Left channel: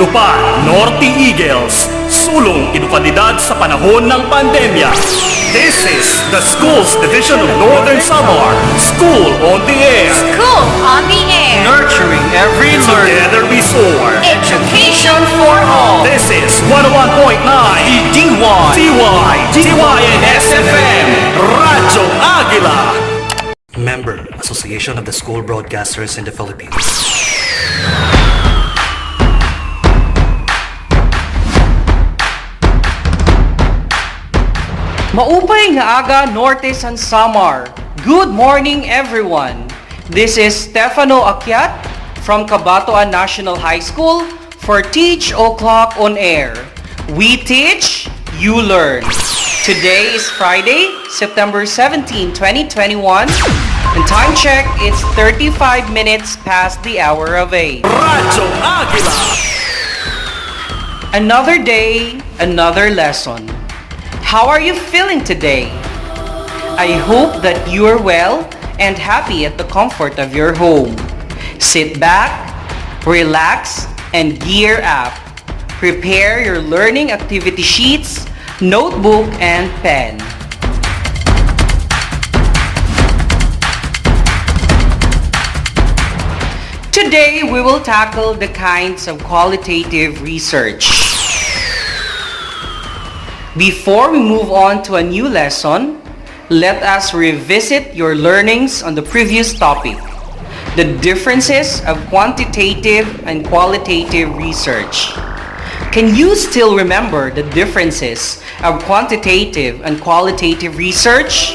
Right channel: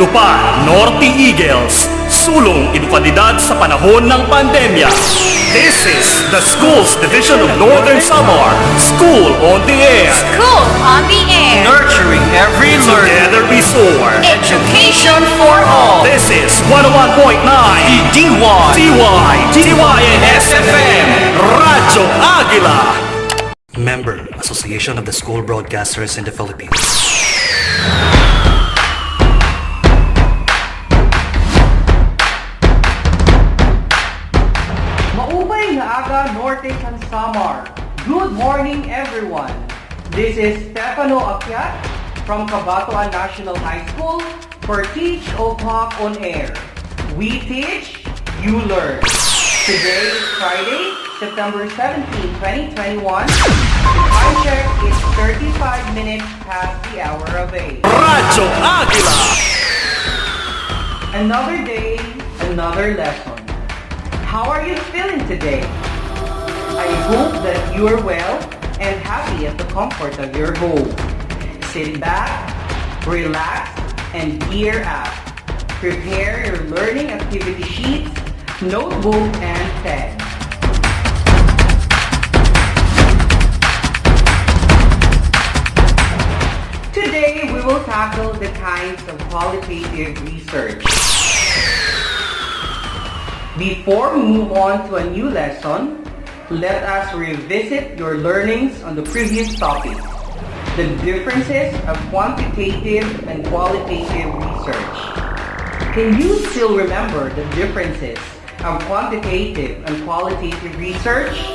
Lupad, Norte Eagles, sulong edukalidad sa panahon ng pandemya. This is the Schools Division of Northern Samar, School on the Air. School on the Air. Nurturing every learner. Together we soar. Education for all. This is 101.9 DY, TYN SFM, Radyo Agila. Member, Association of the School Broadcasters in the Philippines. Maupay nga aga Norte San Samar. Good morning everyone. This is Stefano Akyat from Cabatuan National High School for Teach O'Clock on Air. We teach, you learn. Today is Friday, September 17, 2021. And time check, it's 35 minutes past the hour of 8. Radyo Agila. Another day, another lesson. How are you feeling today? I hope that you are well and happy at the comfort of your home. Sit back, relax, and gear up. Prepare your learning activity sheets, notebook, and pen. Today, we will tackle the kinds of qualitative research. Before we move on to a new lesson, let us revisit your learnings on the previous topic, the differences of quantitative and qualitative research. Can you still remember the differences of quantitative and qualitative research?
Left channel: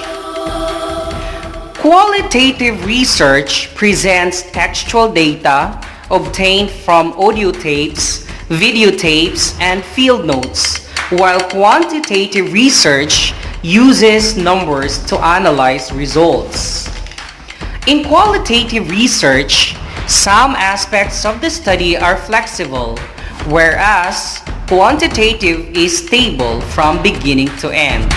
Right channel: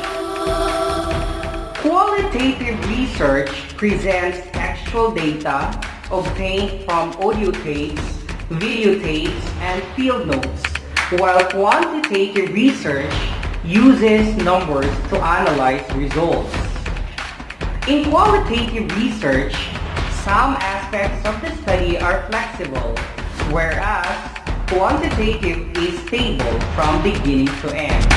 Qualitative research presents textual data obtained from audio tapes, videotapes, and field notes, while quantitative research uses numbers to analyze results. In qualitative research, some aspects of the study are flexible, whereas quantitative is stable from beginning to end.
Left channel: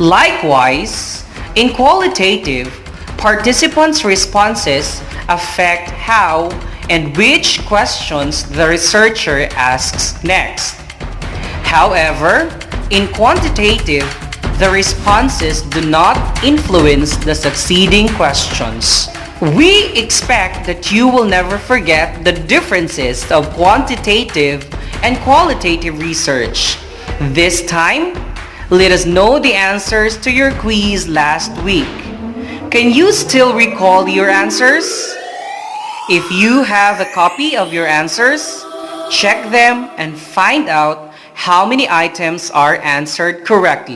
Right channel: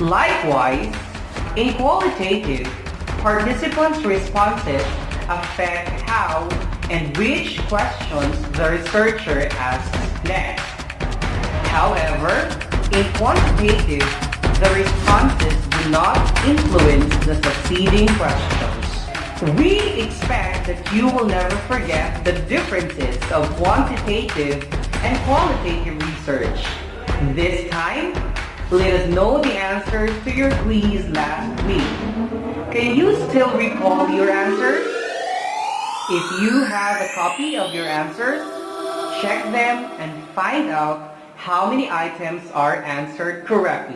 Likewise, in qualitative, participants' responses affect how and which questions the researcher asks next. However, in quantitative, the responses do not influence the succeeding questions. We expect that you will never forget the differences of quantitative and qualitative research. This time, let us know the answers to your quiz last week. Can you still recall your answers? If you have a copy of your answers, check them and find out how many items are answered correctly.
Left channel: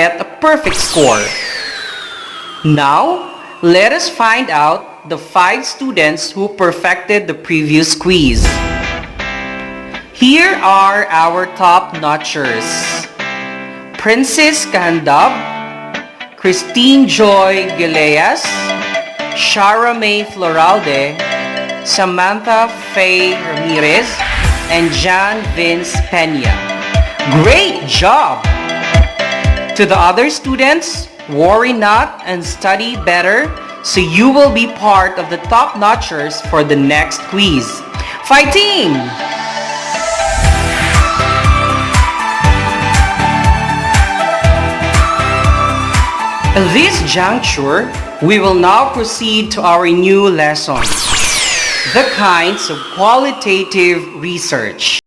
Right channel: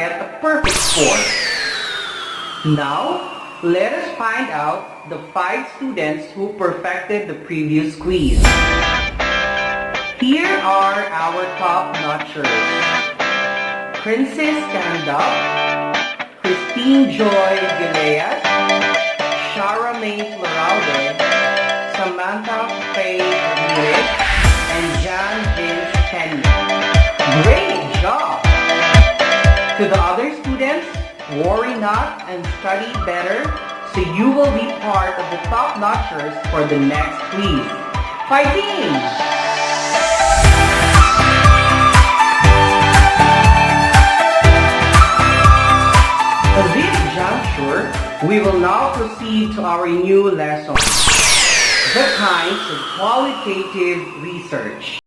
get a perfect score. Now, let us find out the 5 students who perfected the previous quiz. Here are our top-notchers. Princess Kahandab, Christine Joy Gileas, Shara May Floralde, Samantha Faye Ramirez, and John Vince Peña. Great job! To the other students, worry not and study better so you will be part of the top-notchers for the next quiz. Fighting! At this juncture, we will now proceed to our new lesson, the kinds of qualitative research.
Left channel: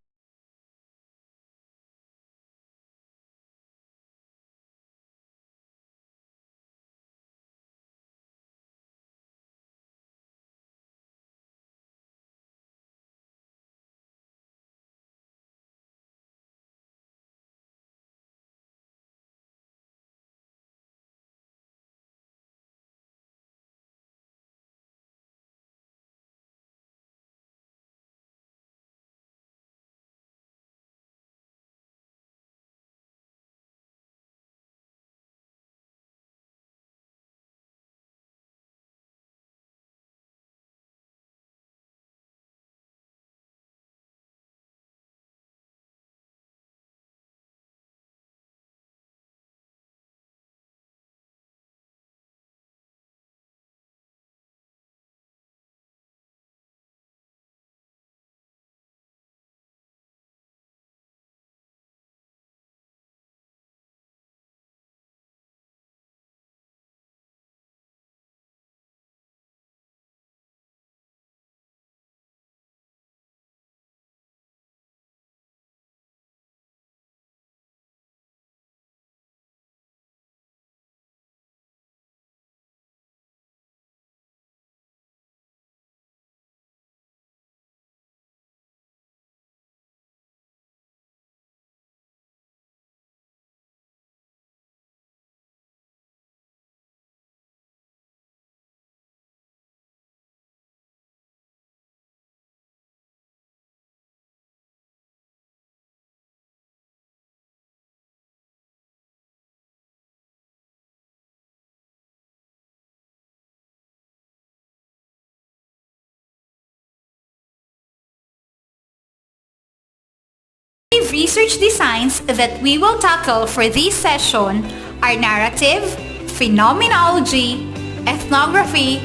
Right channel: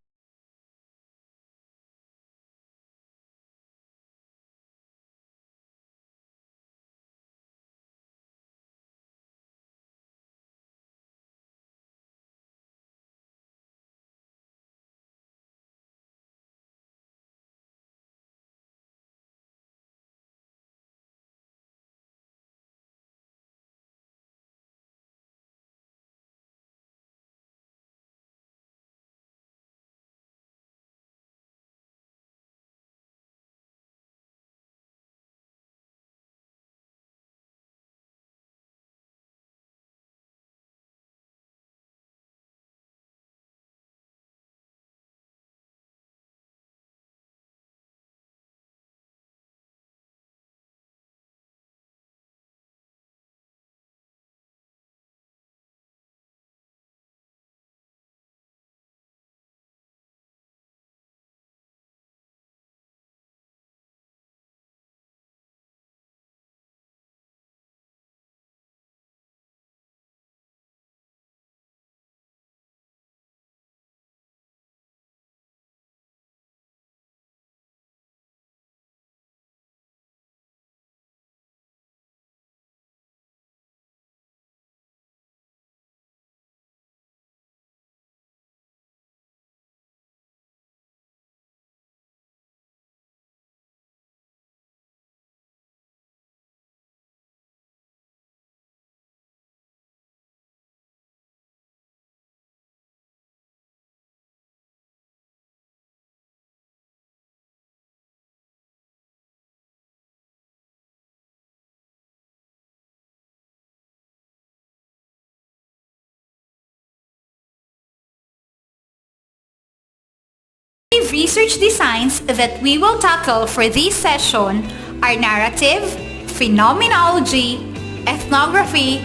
Research designs that we will tackle for this session are narrative, phenomenology, ethnography,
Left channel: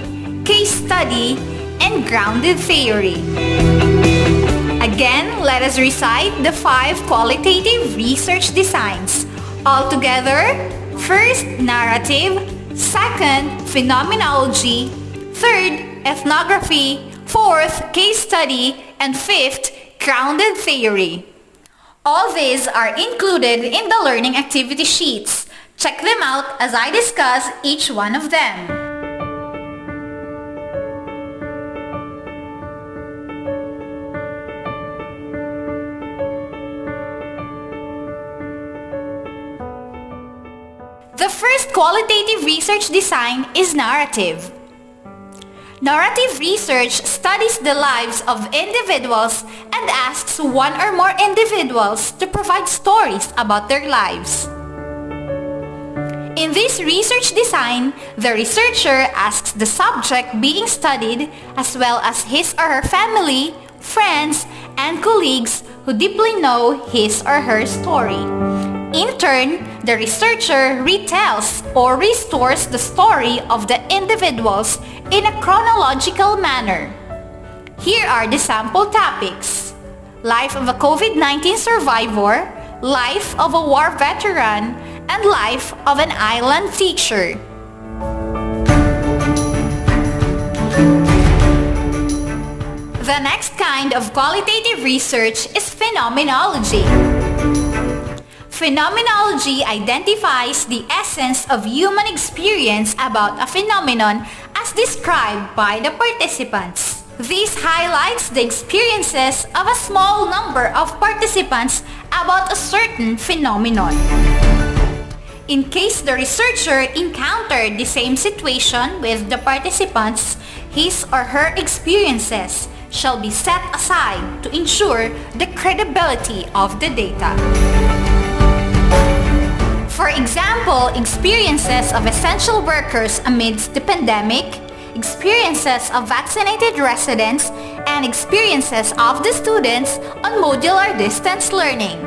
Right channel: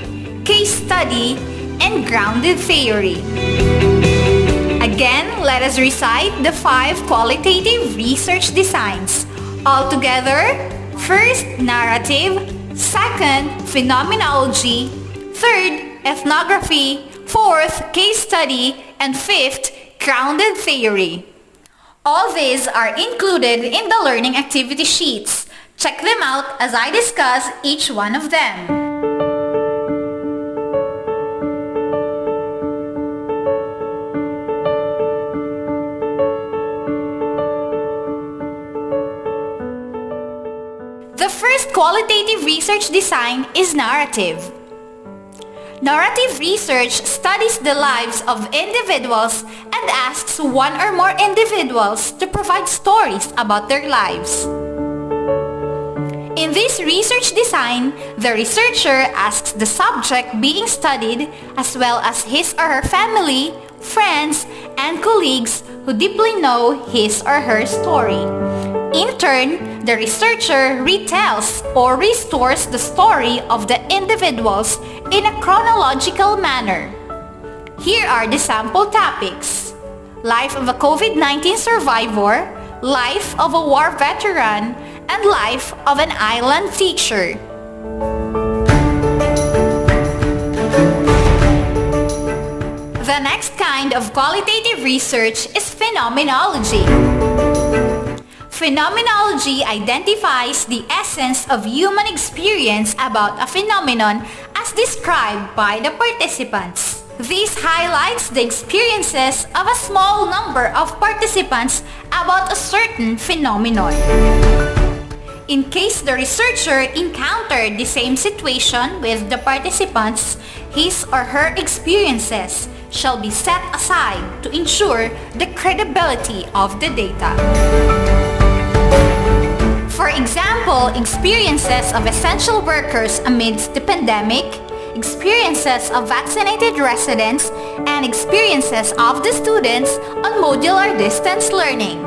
case study, and grounded theory. Again, let us recite the 5 qualitative research designs. Altogether, first, narrative, second, phenomenology, third, ethnography, fourth, case study, and fifth, grounded theory. All these are included in the learning activity sheets. Check them out as I discuss each one of them. The first qualitative research design is narrative. Narrative research studies the lives of individuals and asks one or more individuals to provide stories about their lives. In this research design, the researcher asks the subject being studied as well as his or her family, friends, and colleagues who deeply know his or her story. In turn, the researcher retells or restores the story of the individuals in a chronological manner. Here are the sample topics: life of a COVID-19 survivor, life of a war veteran, and life of an island teacher. The next kind of qualitative research is phenomenology. Phenomenology identifies the essence of human experience about a phenomenon as described by the participants. This highlights the experiences of a small number of participants about a certain phenomenon. In case the researcher encountered the same situation with the participants, his or her experiences shall be set aside to ensure the credibility of the data. For example, experiences of essential workers amidst the pandemic, experiences of vaccinated residents, and experiences of the students on modular distance learning.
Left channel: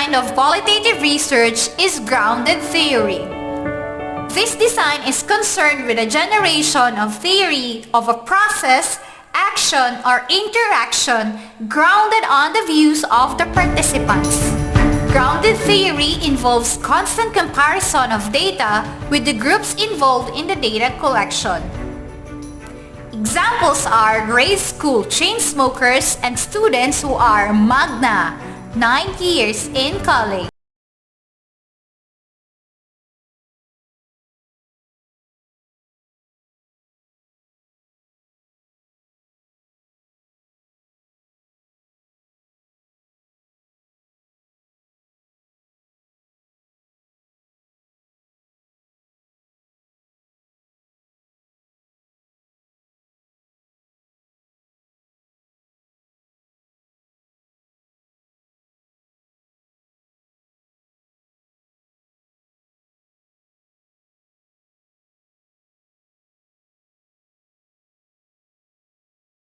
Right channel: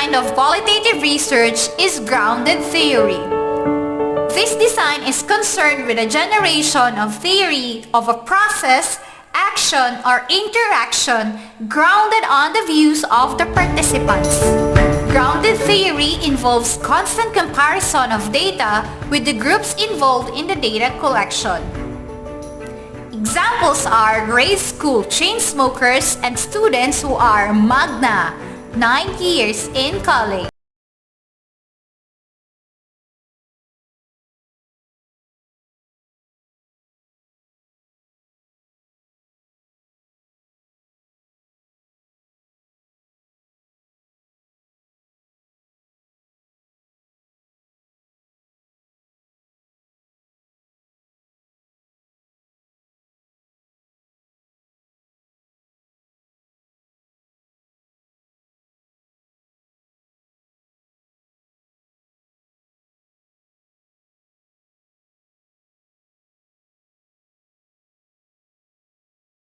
Kind of qualitative research is grounded theory. This design is concerned with a generation of theory of a process, action, or interaction grounded on the views of the participants. Grounded theory involves constant comparison of data with the groups involved in the data collection. Examples are grade school chain smokers and students who are magna, 9 years in college.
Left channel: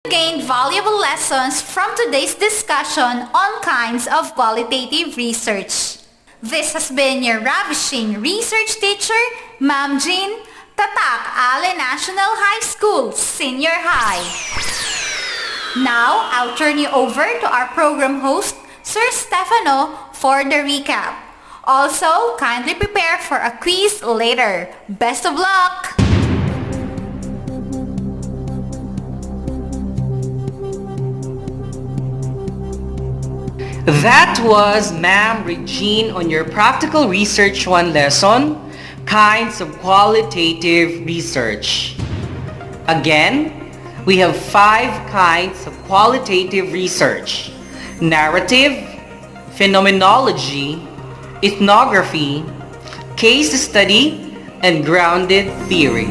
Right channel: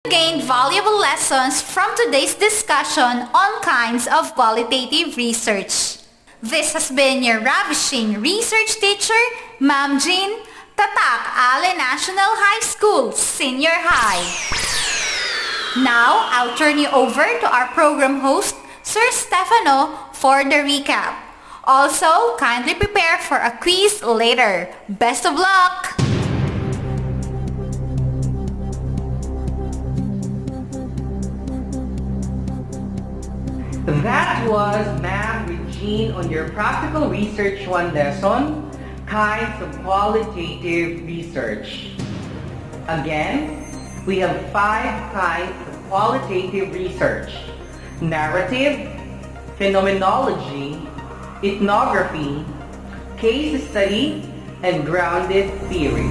Gained valuable lessons from today's discussion on kinds of qualitative research. This has been your ravishing research teacher, Ma'am Jean, Tatak Ale National High School, Senior High. Now, I'll turn you over to our program host, Sir Stefano, for the recap. Also, kindly prepare for a quiz later. Best of luck! That was Ma'am Regine on your Practical Research 1 lesson, Kinds of Qualitative Research. Again, we have 5 kinds of qualitative research: narrative, phenomenology, ethnography, case study, and grounded theory.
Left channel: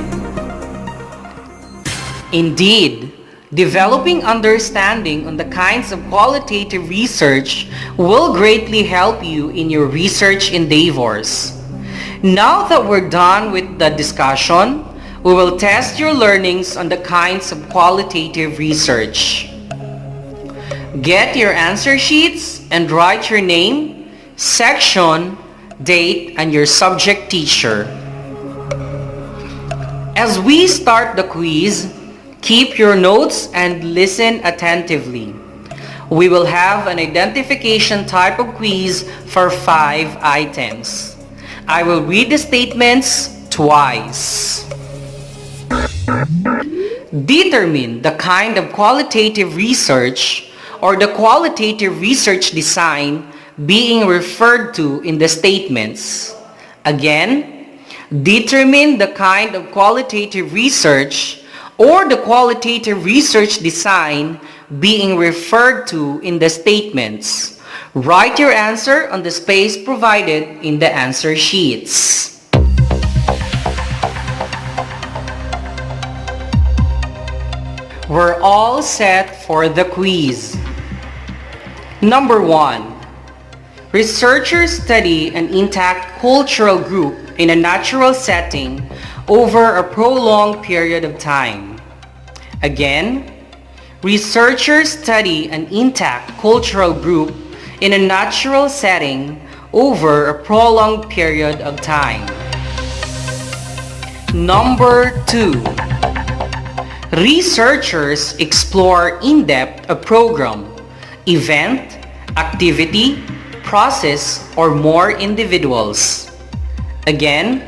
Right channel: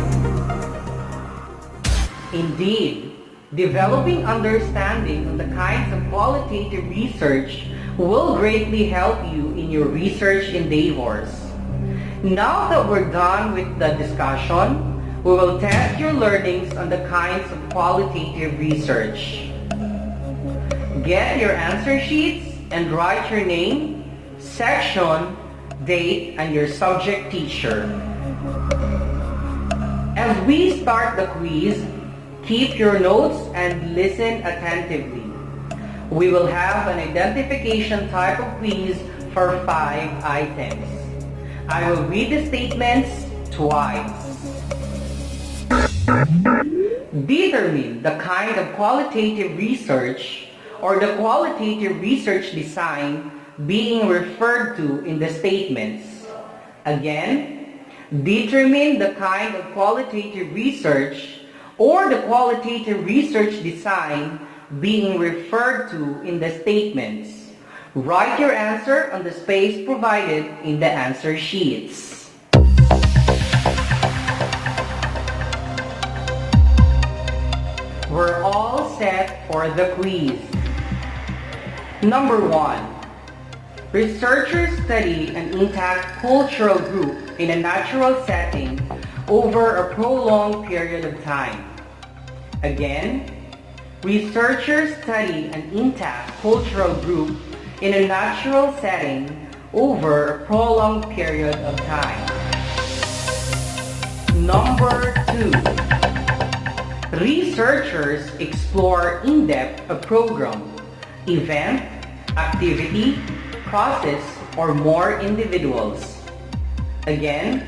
Indeed, developing understanding on the kinds of qualitative research will greatly help you in your research endeavors. Now that we're done with the discussion, we will test your learnings on the kinds of qualitative research. Get your answer sheets and write your name, section, date, and your subject teacher. As we start the quiz, keep your notes and listen attentively. We will have an identification type of quiz for 5 items. I will read the statements twice. Determine the kind of qualitative research or the qualitative research design being referred to in the statements. Again, determine the kind of qualitative research or the qualitative research design being referred to in the statements. Write your answer on the space provided in the answer sheets. We're all set for the quiz. Number 1. Researchers study an intact cultural group in a natural setting over a prolonged period of time. Again, researchers study an intact cultural group in a natural setting over a prolonged period of time. Number 2. Researchers explore in-depth a program, event, activity, process, or more individuals. Again,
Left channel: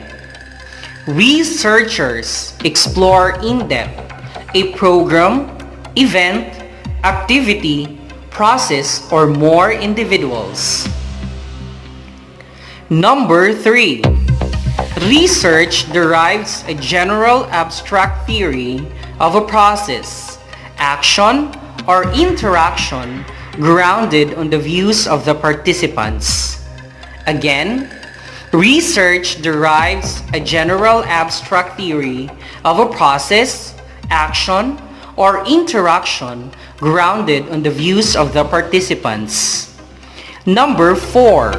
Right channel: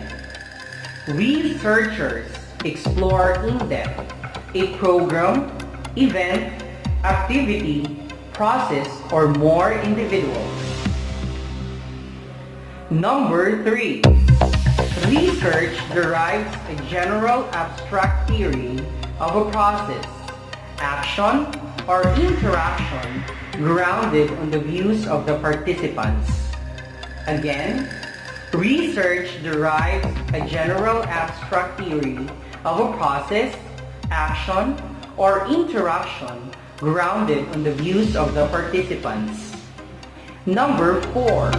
researchers explore in-depth a program, event, activity, process, or more individuals. Number 3. Research derives a general abstract theory of a process, action, or interaction grounded on the views of the participants. Again, research derives a general abstract theory of a process, action, or interaction grounded on the views of the participants. Number 4.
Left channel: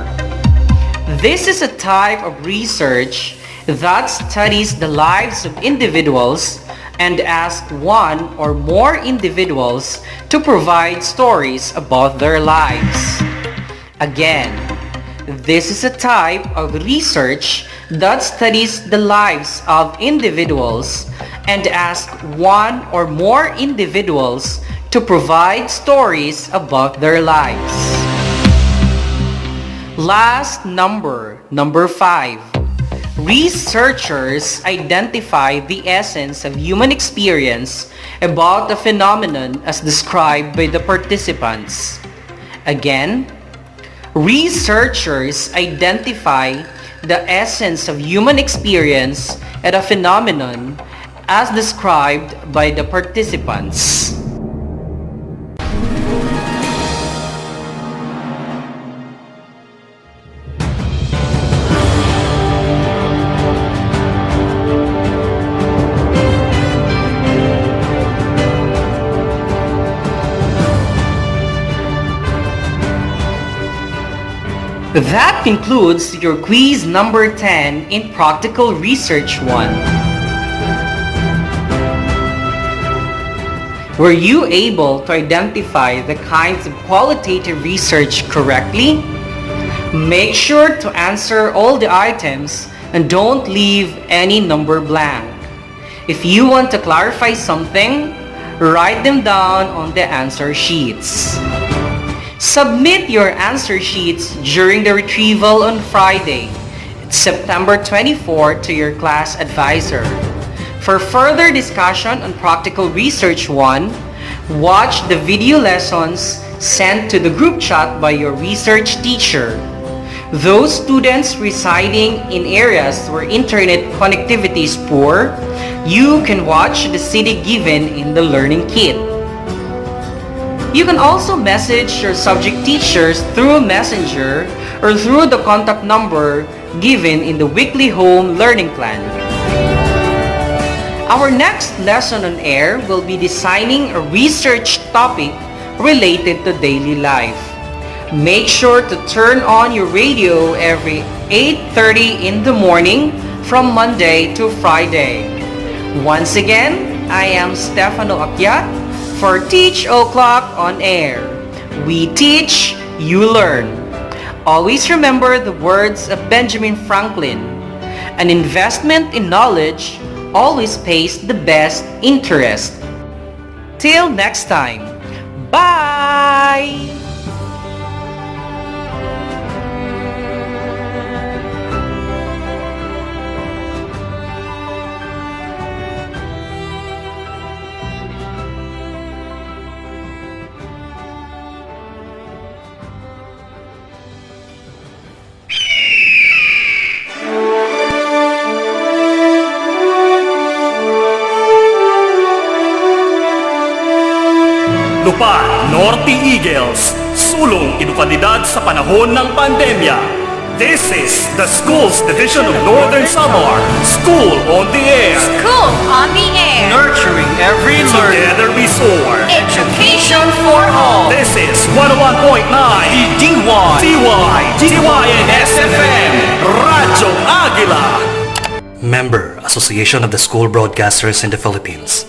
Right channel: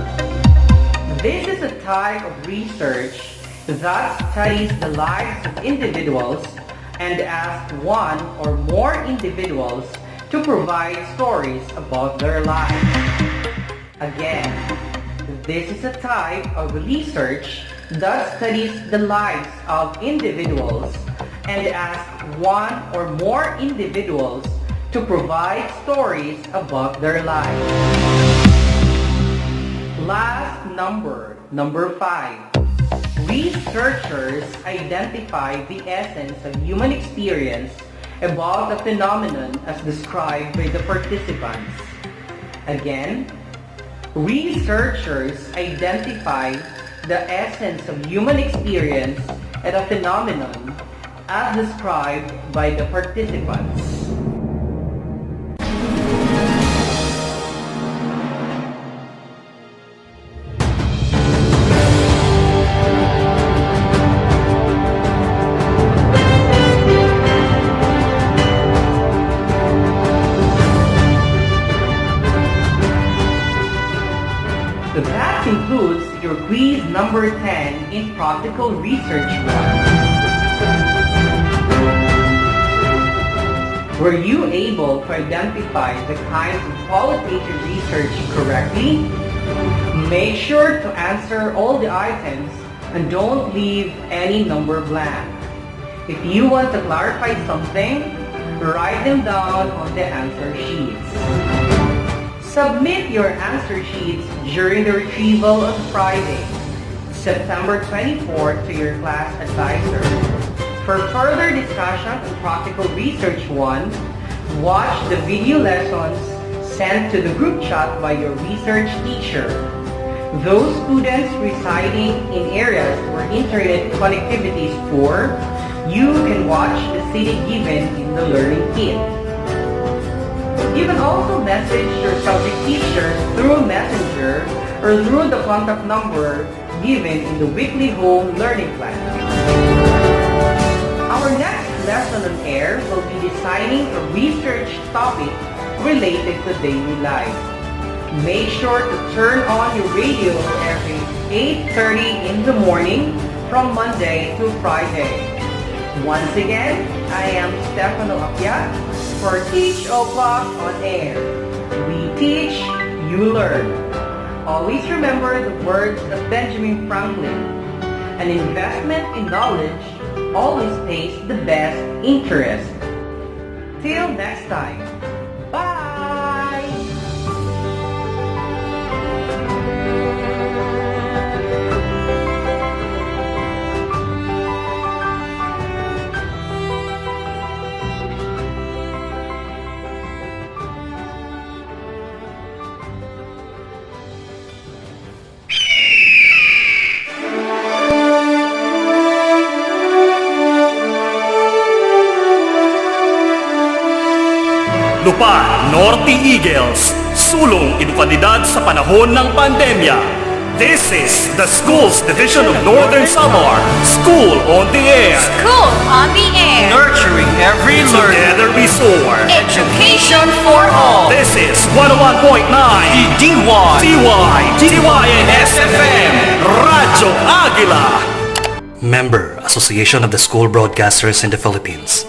This is a type of research that studies the lives of individuals and asks one or more individuals to provide stories about their lives. Again, this is a type of research that studies the lives of individuals and asks one or more individuals to provide stories about their lives. Last number 5. Researchers identify the essence of human experience about the phenomenon as described by the participants. Again, researchers identify the essence of human experience at a phenomenon as described by the participants. That concludes your quiz number 10 in Practical Research 1. Were you able to identify the kinds of qualitative research correctly? Make sure to answer all the items and don't leave any number blank. If you want to clarify something, write them down on the answer sheets. Submit your answer sheets during the retrieval on Friday, September 24 to your class advisor. For further discussion on Practical Research 1, watch the video lessons sent to the group chat by your research teacher. Those students residing in areas where internet connectivity is poor, you can watch the CD given in the learning kit. You can also message your subject teachers through Messenger or through the contact number given in the weekly home learning plan. Our next lesson on air will be designing a research topic related to daily life. Make sure to turn on your radio every 8:30 in the morning from Monday to Friday. Once again, I am Stefano Apiat for Teach O'Clock on Air. We teach, you learn. Always remember the words of Benjamin Franklin. An investment in knowledge always pays the best interest. Till next time, bye! Lupad, Norte Eagles, sulong edukalidad sa panahon ng pandemya. This is the Schools Division of Northern Samar, School on the Air. School on the air. Nurturing every learner. Together we soar. Education for all. This is 101.9 DY. TYN SFM, Radyo Agila. Member, Association of the School Broadcasters in the Philippines.